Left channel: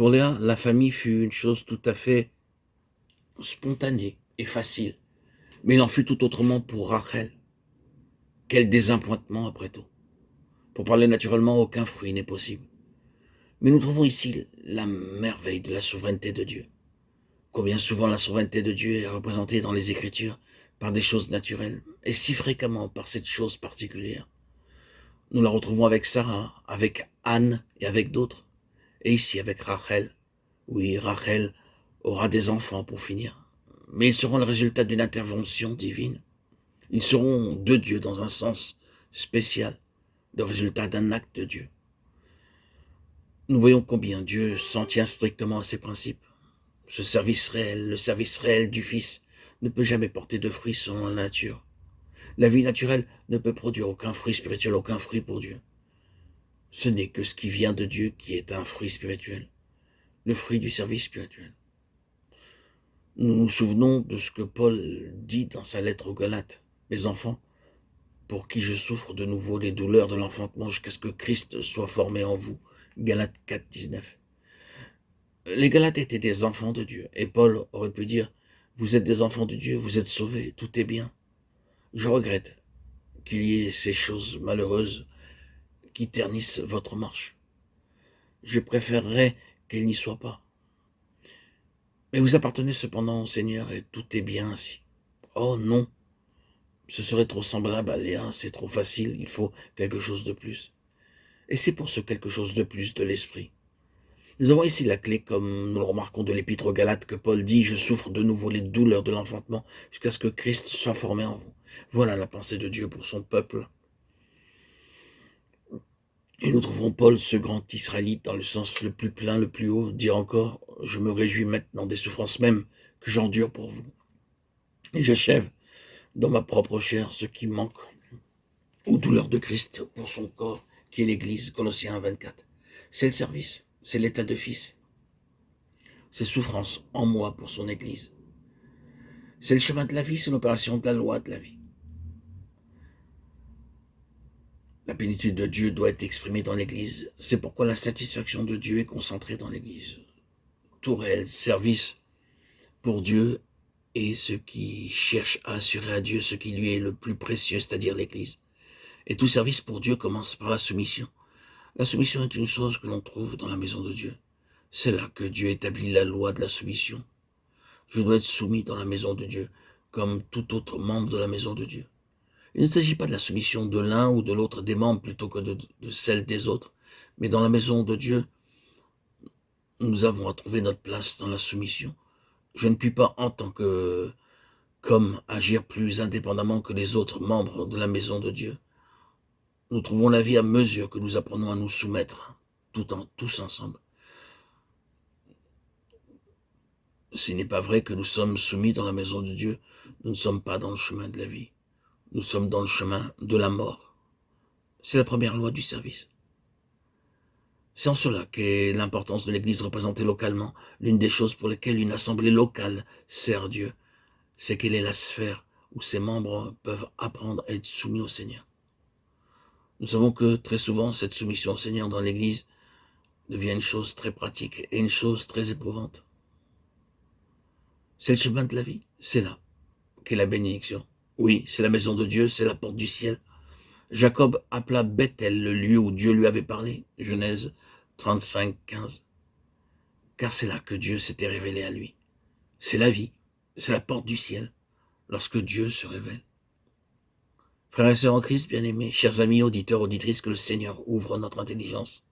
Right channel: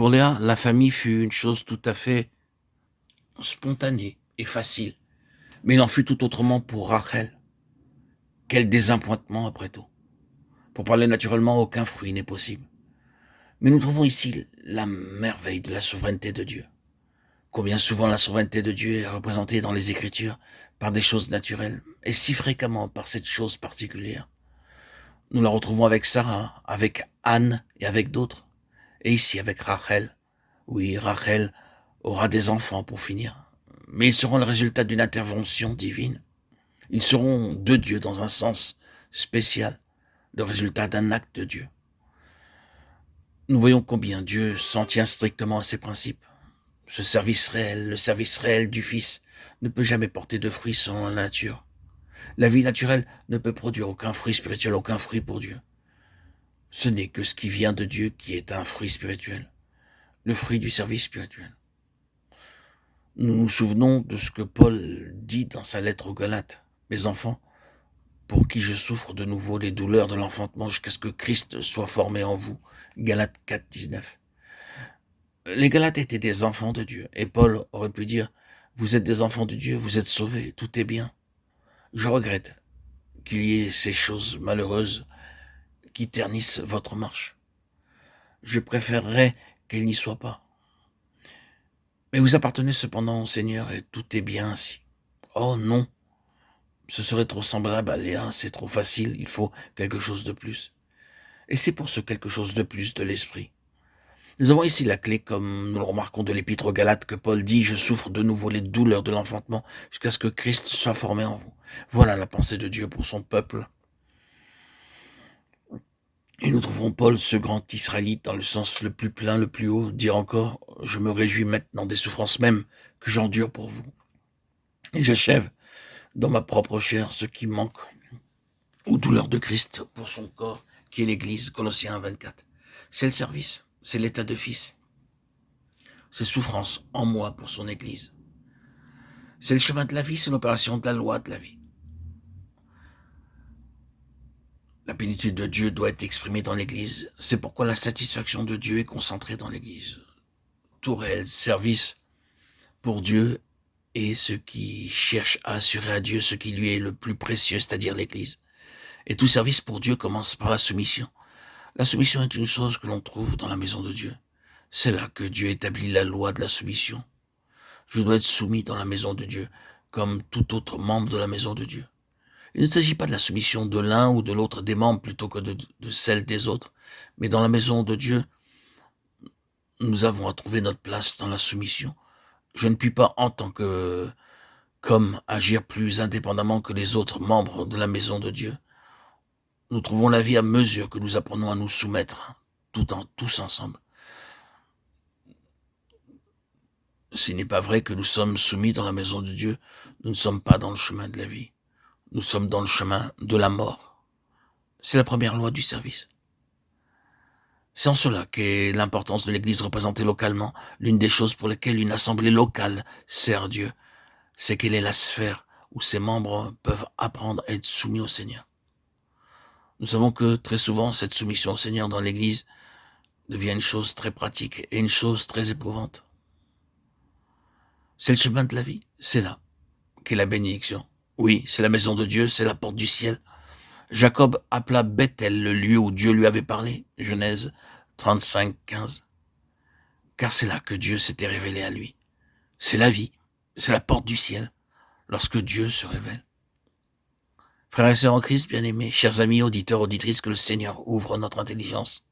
Pour Léa, la famille fut une chose tout à fait spontanée et facile. Mais il en fut tout autrement pour Rachel. Quel désappointement après tout. Pour parler naturellement, aucun fruit n'est possible. Mais nous trouvons ici la merveille de la souveraineté de Dieu. Combien souvent la souveraineté de Dieu est représentée dans les Écritures par des choses naturelles, et si fréquemment par cette chose particulière. Nous la retrouvons avec Sarah, avec Anne et avec d'autres. Et ici avec Rachel. Oui, Rachel aura des enfants pour finir. Mais ils seront le résultat d'une intervention divine. Ils seront de Dieu dans un sens spécial, le résultat d'un acte de Dieu. Nous voyons combien Dieu s'en tient strictement à ses principes. Ce service réel, le service réel du Fils, ne peut jamais porter de fruits selon la nature. La vie naturelle ne peut produire aucun fruit spirituel, aucun fruit pour Dieu. Ce n'est que ce qui vient de Dieu qui est un fruit spirituel, le fruit du service spirituel. Nous nous souvenons de ce que Paul dit dans sa lettre aux Galates. Mes enfants, pour qui je souffre de nouveau les douleurs de l'enfantement jusqu'à ce que Christ soit formé en vous. Galates 4, 19. Les Galates étaient des enfants de Dieu, et Paul aurait pu dire, vous êtes des enfants de Dieu, vous êtes sauvés, tout est bien. Je regrette qu'il y ait ces choses malheureuses qui ternissent votre marche. Je préférerais qu'elles n'y soient pas. Mais vous appartenez cependant au Seigneur et tout est bien ainsi. Oh non, ce serait trop semblable à Léa, c'est trop facile, il faut quelque chose de plus. Et c'est pour ce quelque chose de plus de l'esprit. Nous avons ici la clé, comme nous le remarquons de l'épître aux Galates, que Paul dit « Je souffre de nouveau les douleurs de l'enfantement jusqu'à ce que Christ soit formé en vous. » Voilà la pensée de Dieu pour son peuple. Et nous trouvons Paul, ce grand Israélite, dans le sens le plus plein, le plus haut, dire encore « Je me réjouis maintenant des souffrances même que j'endure pour vous. Et j'achève dans ma propre chair ce qui manque aux douleurs de Christ pour son corps, qui est l'Église, Colossiens 24. C'est le service, c'est l'état de fils. C'est souffrance en moi pour son Église. C'est le chemin de la vie, c'est l'opération de la loi de la vie. La plénitude de Dieu doit être exprimée dans l'Église. C'est pourquoi la satisfaction de Dieu est concentrée dans l'Église. Tout réel service pour Dieu est ce qui cherche à assurer à Dieu ce qui lui est le plus précieux, c'est-à-dire l'Église. Et tout service pour Dieu commence par la soumission. La soumission est une chose que l'on trouve dans la maison de Dieu. C'est là que Dieu établit la loi de la soumission. Je dois être soumis dans la maison de Dieu, comme tout autre membre de la maison de Dieu. Il ne s'agit pas de la soumission de l'un ou de l'autre des membres plutôt que de celle des autres, mais dans la maison de Dieu, nous avons à trouver notre place dans la soumission. Je ne puis pas, en tant qu'homme, agir plus indépendamment que les autres membres de la maison de Dieu. Nous trouvons la vie à mesure que nous apprenons à nous soumettre, tous ensemble. S'il n'est pas vrai que nous sommes soumis dans la maison de Dieu, nous ne sommes pas dans le chemin de la vie. Nous sommes dans le chemin de la mort. C'est la première loi du service. C'est en cela qu'est l'importance de l'Église représentée localement. L'une des choses pour lesquelles une assemblée locale sert Dieu, c'est qu'elle est la sphère où ses membres peuvent apprendre à être soumis au Seigneur. Nous savons que très souvent, cette soumission au Seigneur dans l'Église devient une chose très pratique et une chose très éprouvante. C'est le chemin de la vie, c'est là qu'est la bénédiction. Oui, c'est la maison de Dieu, c'est la porte du ciel. Jacob appela Bethel le lieu où Dieu lui avait parlé, Genèse 35, 15. Car c'est là que Dieu s'était révélé à lui. C'est la vie, c'est la porte du ciel, lorsque Dieu se révèle. Frères et sœurs en Christ, bien-aimés, chers amis, auditeurs, auditrices, que le Seigneur ouvre notre intelligence